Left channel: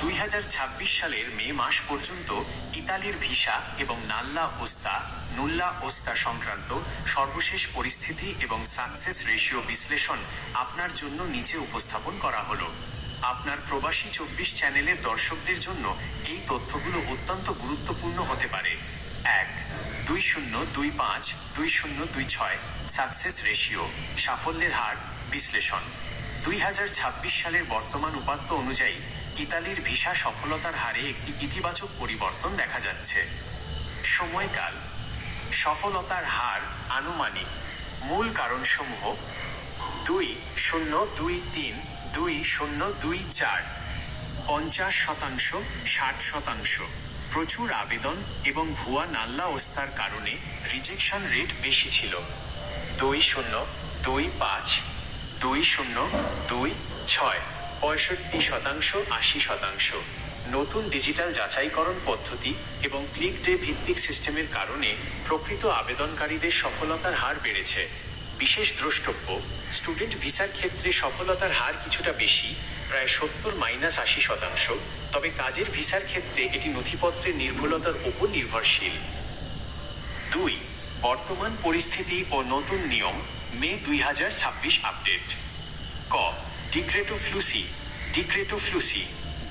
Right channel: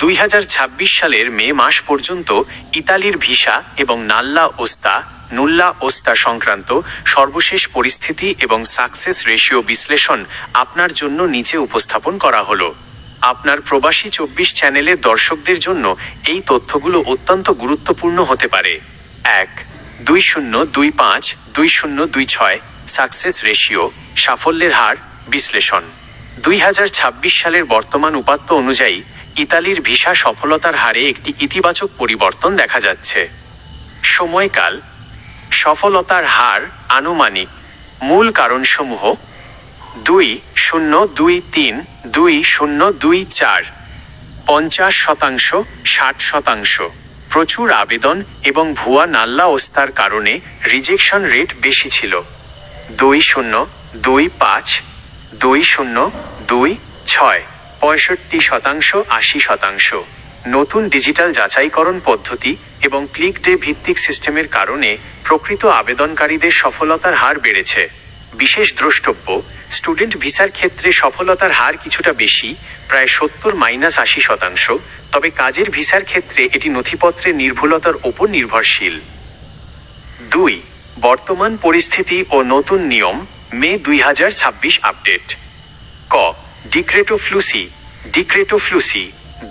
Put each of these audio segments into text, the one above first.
2026 সালের মে মাস পর্যন্ত ইতালির ভিসা এবং নুল্লা ওস্তা সংক্রান্ত সর্বশেষ পরিস্থিতি এবং সাকসেস রেশিও বিশ্লেষণ আপনার জন্য নিচে উপস্থাপন করা হলো। আপনার প্রবাসী 24 চ্যানেলের দর্শকদের জন্য এই তথ্যগুলো অত্যন্ত গুরুত্বপূর্ণ হতে পারে। 1-2025-2026 সাকসেস রেশিও সাফল্যের হার বিশ্লেষণ। 2026 সালের বর্তমান উপাত্ত অনুযায়ী ইতালির ভিসা সফলতার হারে একটি ইতিবাচক পরিবর্তন দেখা যাচ্ছে। সময়কাল সফলতার হার আনুমানিক। মূল কারণসমূহ 2023-2024 50%, 60%। প্রচুর আবেদন এবং ভুয়া নাল্লা ওস্তার কারণে রিজেকশন রেট বেশি ছিল। 2025-2026 65%, 80%। নতুন ডিজিটাল যাচাইকরণ পদ্ধতি এবং ক্লিক ডে ভিত্তিক সিস্টেমের কারণে প্রকৃত আবেদনকারীদের সফলতার হার বেড়েছে। বিশেষ দ্রষ্টব্য, স্টুডেন্ট ভিসার ক্ষেত্রে সফলতার হার কিছুটা বেশি, প্রায় 70-80%, তবে কাজের ভিসার ক্ষেত্রে এটি নথিপত্রের নির্ভুলতার ওপর নির্ভরশীল। 2. বর্তমান পরিস্থিতি ও নতুন নিয়ম মে 2026 আপডেট। ক. ডিক্রেটো ফ্লুসি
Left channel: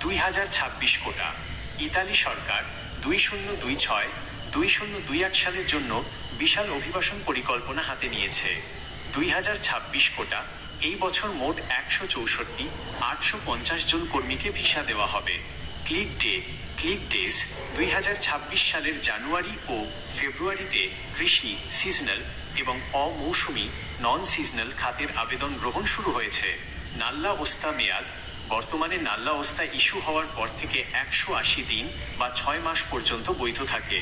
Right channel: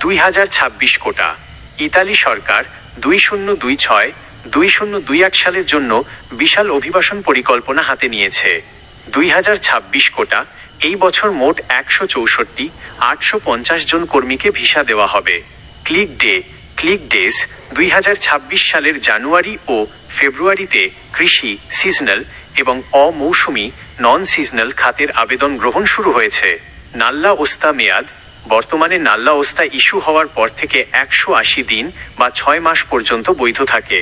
2026 কোটা। ইতালি সরকার 2026-2028 সালের জন্য বিশাল অভিবাসন পরিকল্পনা হাতে নিয়েছে। 2026 কোটা এই বছর মোট 164,850 জন কর্মীকে ভিসা দেওয়া হবে। ক্লিক ডেজ 2026 সালের জানুয়ারি ও ফেব্রুয়ারিতে কৃষি সিজনাল এবং অমৌসুমি নন সিজনাল খাতের আবেদন গ্রহণ শুরু হয়েছে। নাল্লা ওস্তা মেয়াদ বর্তমানে নাল্লা ওস্তা ইস্যু হওয়ার পর থেকে 180 দিন বা 6 মাস পর্যন্ত বৈধ থাকে।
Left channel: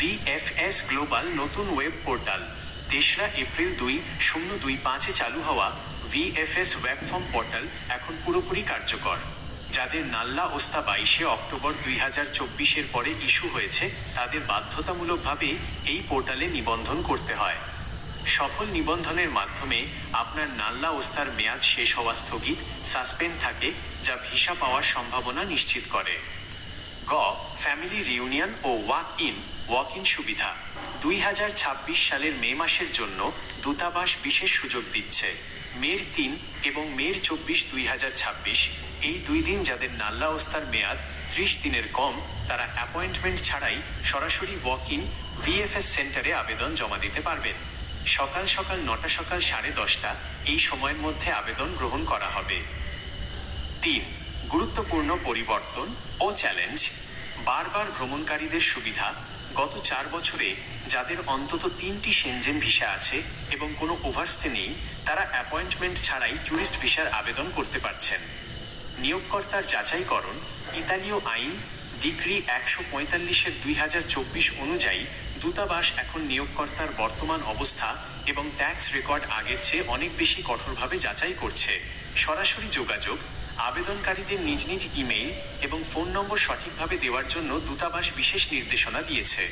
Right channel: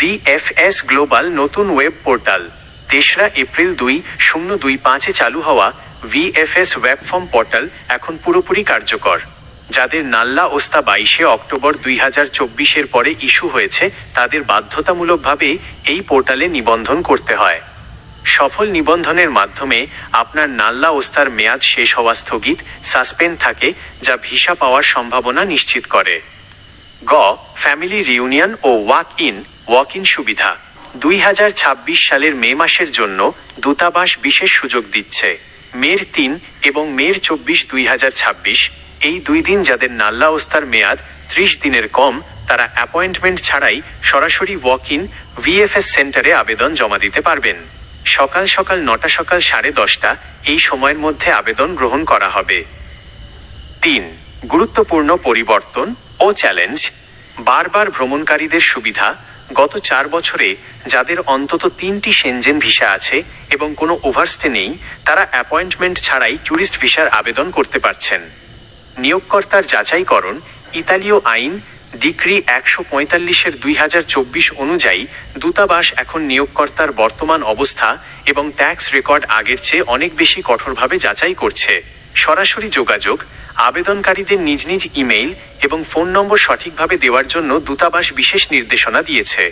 VFS গ্লোবাল নতুন ওয়েব পোর্টাল 3রা এপ্রিল 2025 চালু হওয়া VFS ওয়েব ফর্ম পোর্টাল এখন পুরোপুরি কার্যকর। যাদের নাল্লা ওস্তা 22 অক্টোবর 2024 পরে ইস্যু হয়েছে তাদের বাধ্যতামূলকভাবে এই পোর্টালে নিবন্ধন করতে হয়। সফল নিবন্ধনের মাধ্যমে আপনার নাল্লা ওস্তার মেয়াদ শেষ হওয়া স্থগিত সাসপেন্ড থাকে, যা ভিসা পাওয়ার সম্ভাবনা নিশ্চিত করে। গ. ফ্যামিলি রিউনিয়ন ও ওয়াক ইন সুবিধা 2026 সালের মে মাসের জন্য দূতাবাস বিশেষ সুযোগ দিচ্ছে। মের 3 এবং মের 24, 2026 এই 2 দিন যাদের নাল্লা ওস্তার মেয়াদ 30 দিনের কম, তারা অ্যাপয়েন্টমেন্ট ছাড়াই সরাসরি ওয়াক ইন VFS সেন্টারে আবেদন জমা দিতে পারবেন। সকাল 9টা, সকাল 10:30 এই সময়ের মধ্যে আবেদন গ্রহণ করা হবে। 3. গুরুত্বপূর্ণ পরিবর্তন ও চ্যালেঞ্জ বারবার ভ্রমণকারীদের সুবিধা। গত 4 বছরে যাদের অন্তত 3টি সেনজেন ভিসা আছে এবং কোনো ওভারস্টে নেই, তারা অ্যাপয়েন্টমেন্ট ছাড়াই ট্যুরিস্ট ভিসার আবেদন করতে পারছেন। নিয়োগকর্তার যাচাইকরণ ইতালীয় আইন ডিক্রি 145/2024 অনুযায়ী দূতাবাস এখন নিয়োগকর্তার বর্তমান অবস্থা এবং ট্যাক্স রেকর্ড আগের চেয়ে অনেক বেশি কঠোরভাবে যাচাই করছে। সরাসরি যোগাযোগ আবেদনকারীদের নিজ নিজ ইমেইল এবং ফোন নম্বর সঠিকভাবে দেওয়ার জন্য দূতাবাস বিশেষ নির্দেশনা দিয়েছে।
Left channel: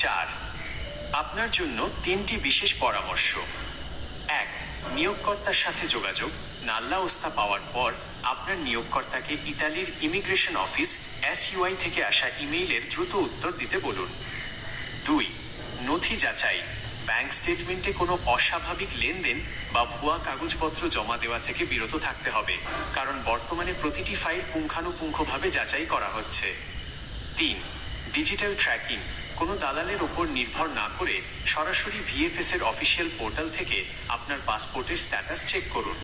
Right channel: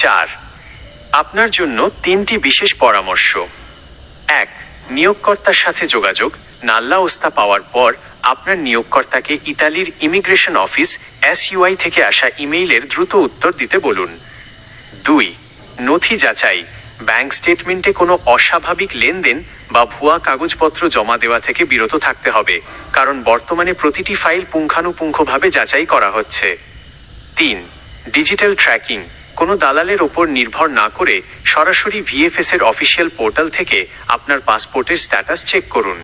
4. আপনার জন্য 3টি বিশেষ পরামর্শ। 1. নিয়োগকর্তার সাথে যোগাযোগ নাল্লা ওস্তা পাওয়ার পর আপনার নিয়োগকর্তাকে ইতালির ইমিগ্রেশন অফিস SUI থেকে আসা ইমেইলের দ্রুত উত্তর দিতে বলুন। 2. নথি যাচাই ব্যাংক স্টেটমেন্টে কোনো অস্বাভাবিক লেনদেন বা ভুয়া কাগজপত্র জমা দেওয়া থেকে বিরত থাকতে হবে, কারণ বর্তমানে প্রতিটি ফাইল পুঙ্খানুপুঙ্খভাবে যাচাই করা হচ্ছে। 3. ডিজিটাল ট্র্যাকিং কোনো দালালের ওপর নির্ভর না করে সরাসরি VFS এর অফিসিয়াল পোর্টাল থেকে আপনার পাসপোর্টের স্ট্যাটাস চেক করুন।